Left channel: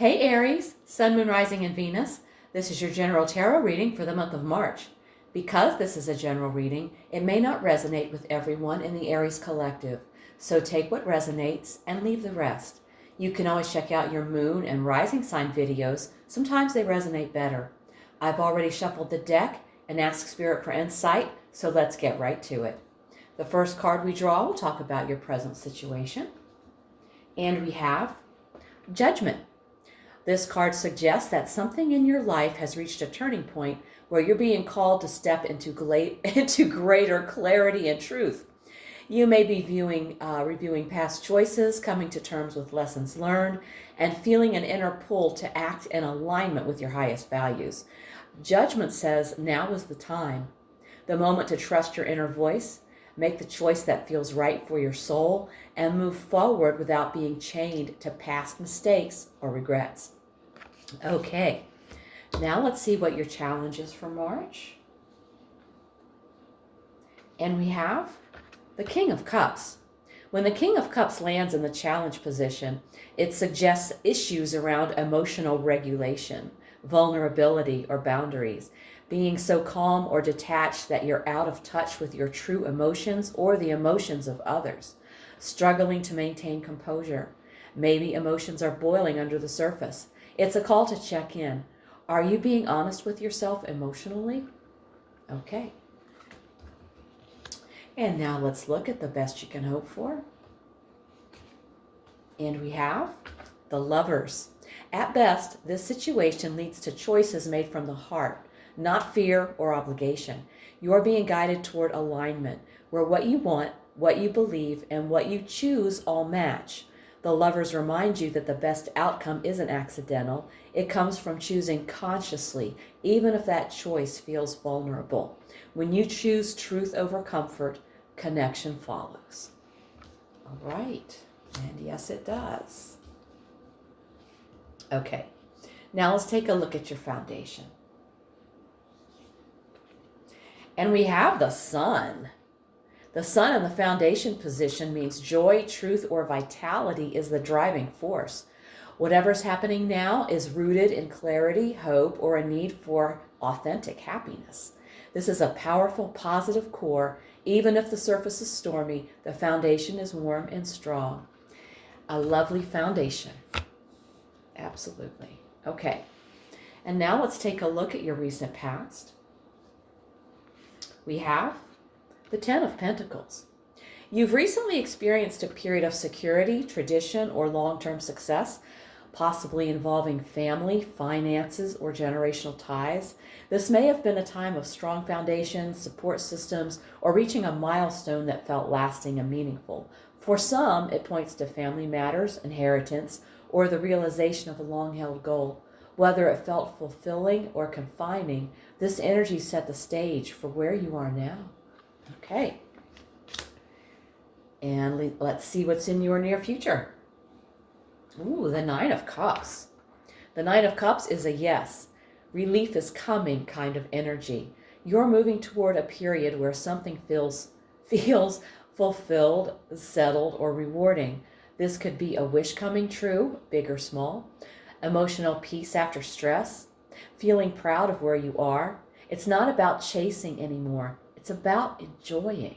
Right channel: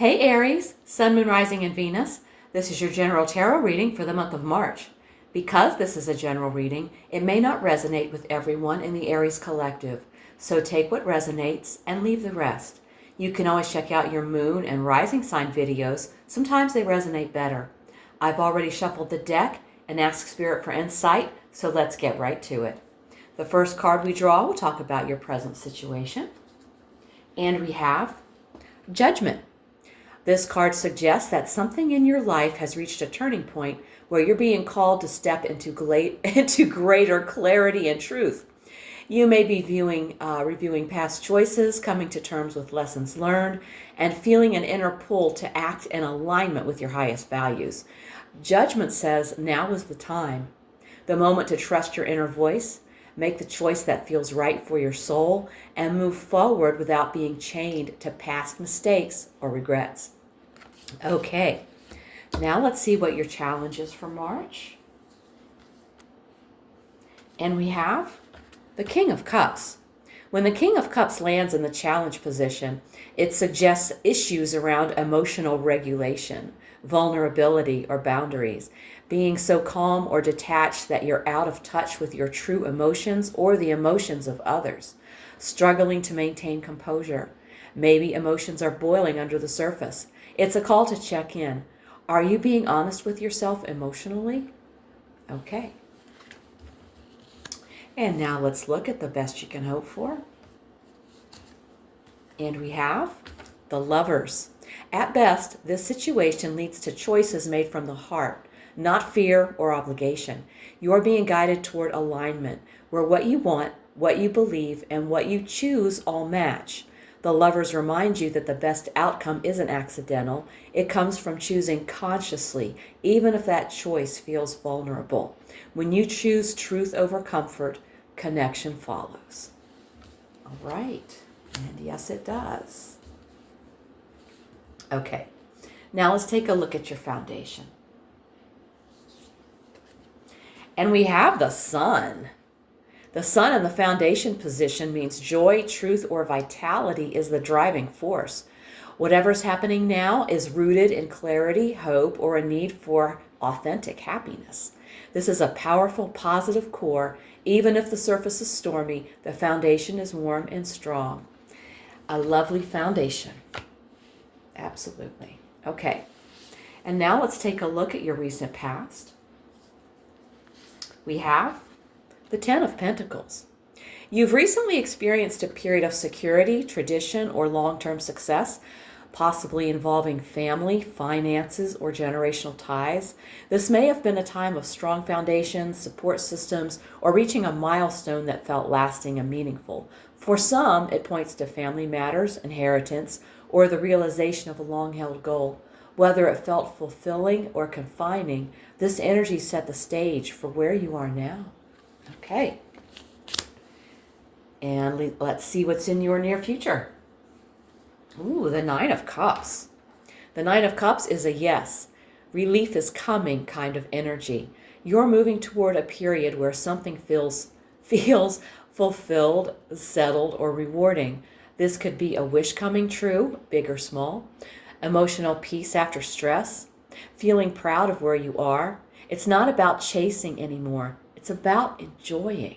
Hey Aries, Sun, Moon, Rising, and Venus. This is your general tarot reading for the month of March. Because this is a general reading, it may not resonate with everyone in the Aries collective, so take what resonates and leave the rest. You can always check out your Moon and Rising sign videos. Sometimes they resonate better. I've already shuffled the deck and asked Spirit for insight, so let's get right to it. The first card we draw will talk about your present situation. And we have Judgment. This card suggests that something in your life has reached a turning point where you're being called to step into greater clarity and truth. You may be reviewing past choices, coming to terms with lessons learned, and feeling an inner pull to act in alignment with your highest values. Judgment says now is the time, the moment to trust your inner voice, make the choice that feels right for your soul, and move forward without being chained to past mistakes or regrets. Okay, now let's see what your challenge is for March. And we have the King of Cups. When the King of Cups lands in the challenge position, it suggests issues around emotional regulation, vulnerability, or boundaries. Being so calm or detached that you're out of touch with your true emotions or the emotions of others. Struggling to maintain composure. Maybe emotions are boiling under the surface. It's a call to check in. Are you being honest with yourself emotionally? Okay. And now let's look at the best you can hope for. And we have the Lovers. At best, this situation leads to choices made from the heart, not fear or obligation. You're being guided toward alignment, where what you want, what you believe, and what you choose all match. The Lovers remind you that the best outcome isn't accidental. It comes from choosing consciously, even if that choice feels vulnerable. When you choose truth over comfort, connection follows. All right. And yes, it does. Okay. Now let's take a look at your foundation. And we have the Sun. The Sun in the foundation position means joy, truth, or vitality is the driving force. Whatever's happening now is rooted in clarity, hope, or a need for authentic happiness. This is a powerful, positive core. Even if the surface is stormy, the foundation is warm and strong. A lovely foundation. Absolutely. Okay. And now let's take a look at your recent past. We have the Ten of Pentacles. You've recently experienced a period of security, tradition, or long-term success, possibly involving family, finances, or generational ties. This may have been a time of strong foundations, support systems, or reaching a milestone that felt lasting and meaningful. For some, it points to family matters, inheritance, or the realization of a long-held goal. Whether it felt fulfilling or confining, this energy set the stage for where you are now. Okay. And let's see what's in your near future. Ooh, the Nine of Cups. The Nine of Cups is a yes. Relief is coming kind of energy. You're moving toward a period where something feels fulfilled, settled, or rewarding. This could be a wish coming true, big or small. Emotional peace after stress. Feeling proud of where you are. It's not about chasing anymore. It's about enjoying.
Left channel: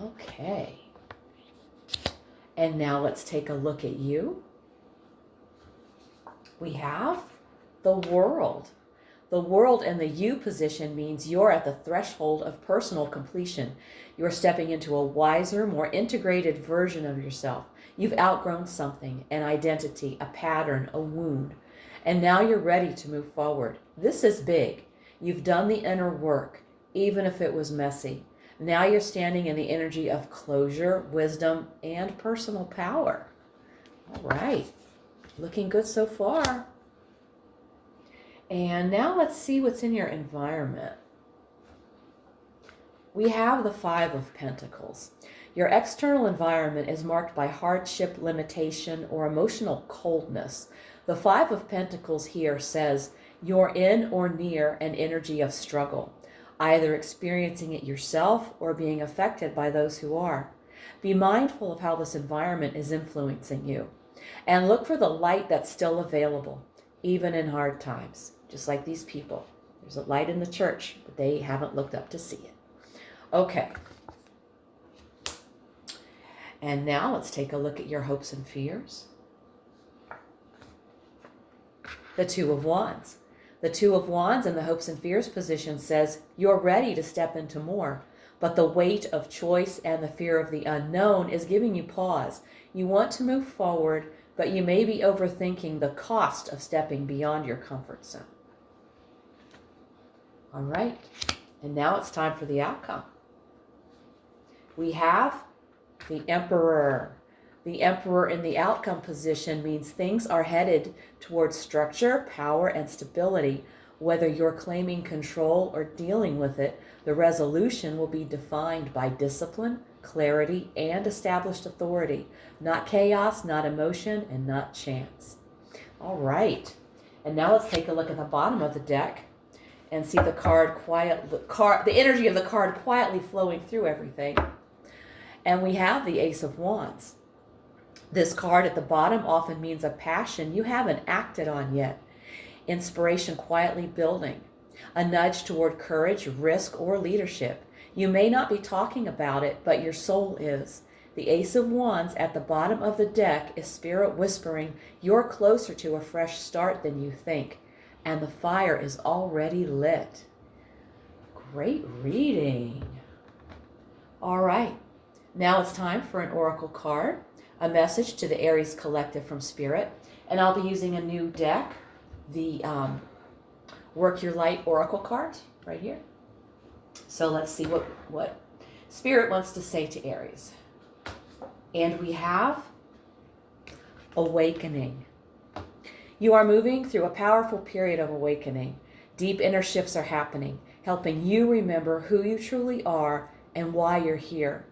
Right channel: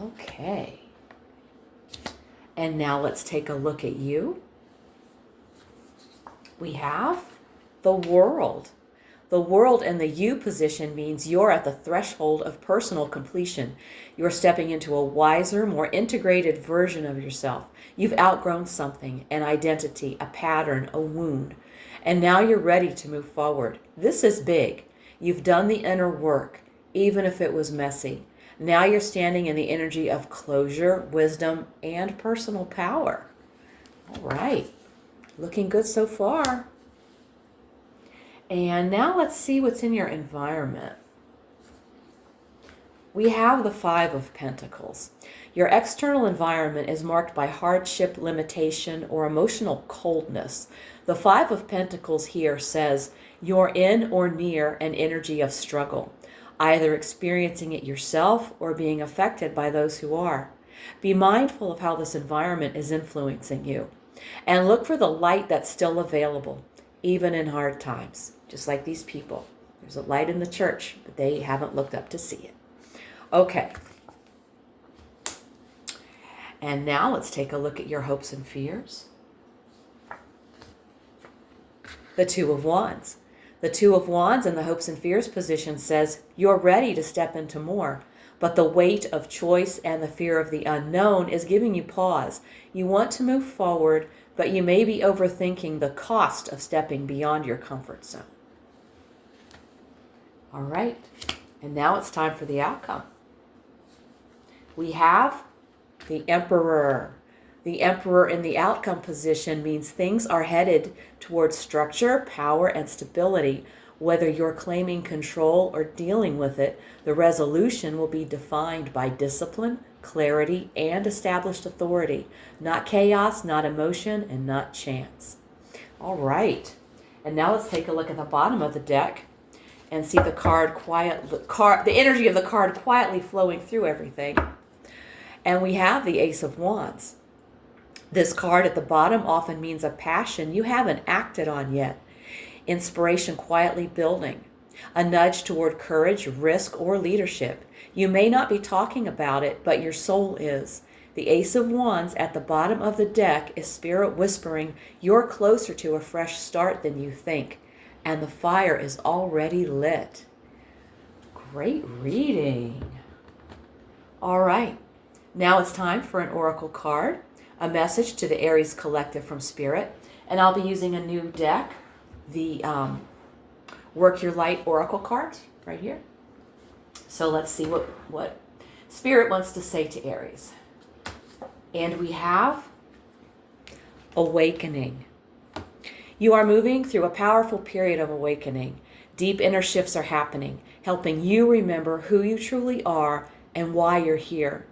Okay. And now let's take a look at you. We have the World. The World in the you position means you're at the threshold of personal completion. You're stepping into a wiser, more integrated version of yourself. You've outgrown something, an identity, a pattern, a wound. And now you're ready to move forward. This is big. You've done the inner work, even if it was messy. Now you're standing in the energy of closure, wisdom, and personal power. All right. Looking good so far. And now let's see what's in your environment. We have the Five of Pentacles. Your external environment is marked by hardship, limitation, or emotional coldness. The Five of Pentacles here says you're in or near an energy of struggle, either experiencing it yourself or being affected by those who are. Be mindful of how this environment is influencing you. And look for the light that's still available, even in hard times, just like these people. There's a light in the church, but they haven't looked up to see it. Okay. And now let's take a look at your hopes and fears. The Two of Wands. The Two of Wands in the hopes and fears position says you're ready to step into more, but the weight of choice and the fear of the unknown is giving you pause. You want to move forward, but you may be overthinking the cost of stepping beyond your comfort zone. All right, and now it's time for the outcome. We have the Emperor. The Emperor in the outcome position means things are headed towards structure, power, and stability. Whether you're claiming control or dealing with it, the resolution will be defined by discipline, clarity, and established authority. Not chaos, not emotion, and not chance. All right. And now let's take a look at the bottom of the deck and see the energy of the card quietly flowing through everything. And we have the Ace of Wands. This card at the bottom often means a passion you haven't acted on yet. Inspiration quietly building. A nudge toward courage, risk, or leadership. You may not be talking about it, but your soul is. The Ace of Wands at the bottom of the deck is Spirit whispering, you're closer to a fresh start than you think. And the fire is already lit. Great reading. All right. Now it's time for an oracle card, a message to the Aries collective from Spirit. And I'll be using a new deck, the Work Your Light oracle card right here. So let's see what Spirit wants to say to Aries. And we have awakening. You are moving through a powerful period of awakening. Deep inner shifts are happening, helping you remember who you truly are and why you're here.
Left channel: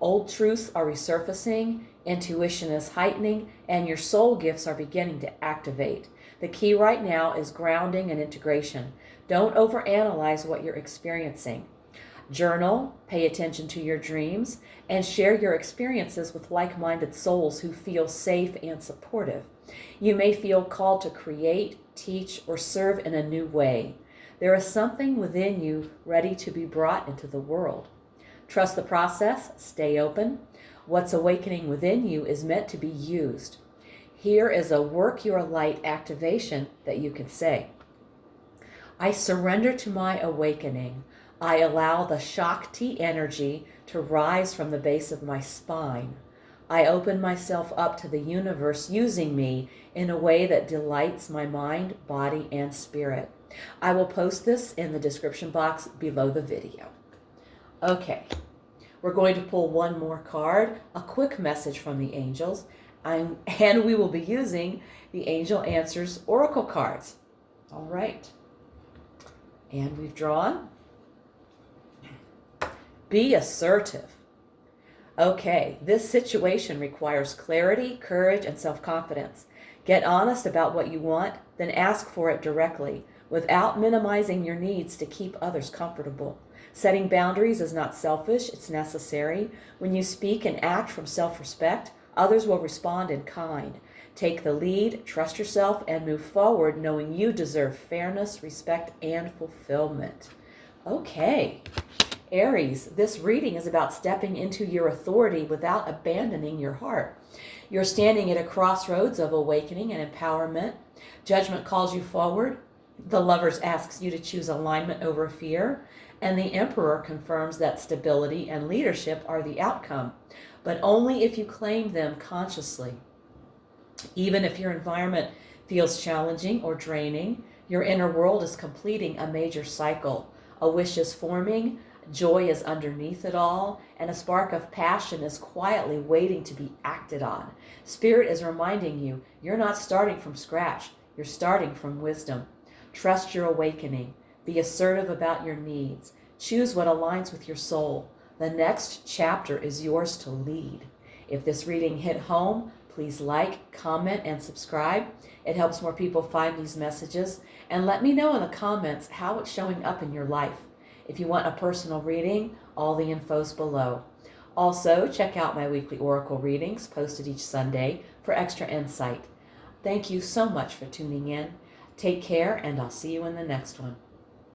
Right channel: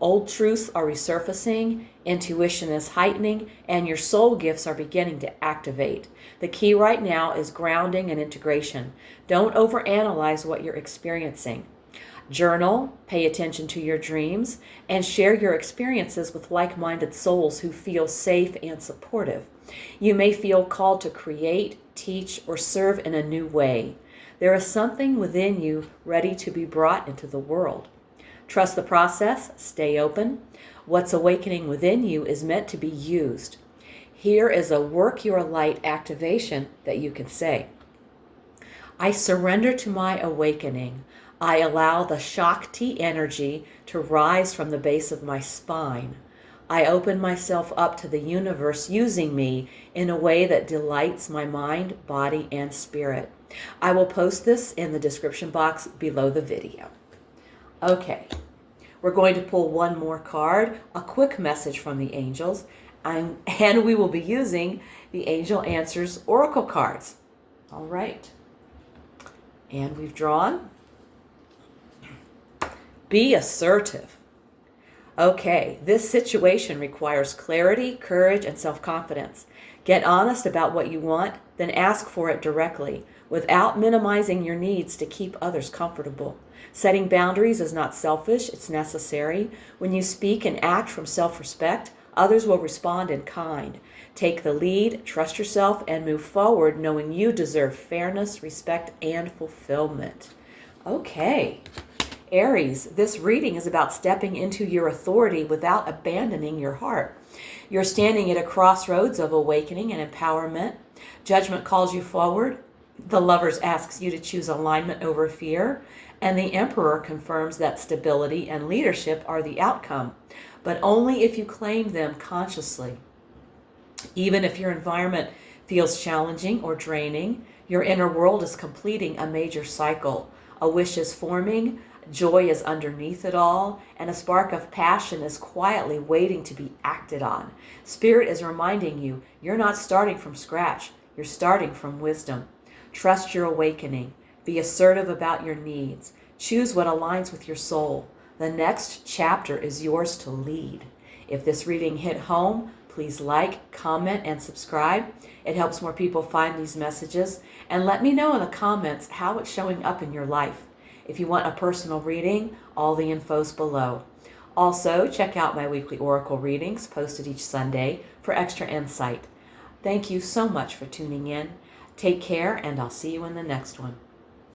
Old truths are resurfacing, intuition is heightening, and your soul gifts are beginning to activate. The key right now is grounding and integration. Don't overanalyze what you're experiencing. Journal, pay attention to your dreams, and share your experiences with like-minded souls who feel safe and supportive. You may feel called to create, teach, or serve in a new way. There is something within you ready to be brought into the world. Trust the process, stay open. What's awakening within you is meant to be used. Here is a Work Your Light activation that you can say. I surrender to my awakening. I allow the Shakti energy to rise from the base of my spine. I open myself up to the universe using me in a way that delights my mind, body, and spirit. I will post this in the description box below the video. Okay, we're going to pull one more card, a quick message from the angels, and we will be using the Angel Answers Oracle cards. All right, and we've drawn. Be assertive. Okay, this situation requires clarity, courage, and self-confidence. Get honest about what you want, then ask for it directly, without minimizing your needs to keep others comfortable. Setting boundaries is not selfish, it's necessary. When you speak and act from self-respect, others will respond in kind. Take the lead, trust yourself, and move forward knowing you deserve fairness, respect, and fulfillment. Okay. Aries, this reading is about stepping into your authority without abandoning your heart. You're standing at a crossroads of awakening and empowerment. Judgment calls you forward. The Lovers asks you to choose alignment over fear. And the Emperor confirms that stability and leadership are the outcome, but only if you claim them consciously. Even if your environment feels challenging or draining, your inner world is completing a major cycle. A wish is forming, joy is underneath it all, and a spark of passion is quietly waiting to be acted on. Spirit is reminding you, you're not starting from scratch, you're starting from wisdom. Trust your awakening. Be assertive about your needs. Choose what aligns with your soul. The next chapter is yours to lead. If this reading hit home, please like, comment, and subscribe. It helps more people find these messages. And let me know in the comments how it's showing up in your life. If you want a personal reading, all the info's below. Also, check out my weekly oracle readings posted each Sunday for extra insight. Thank you so much for tuning in. Take care, and I'll see you in the next one.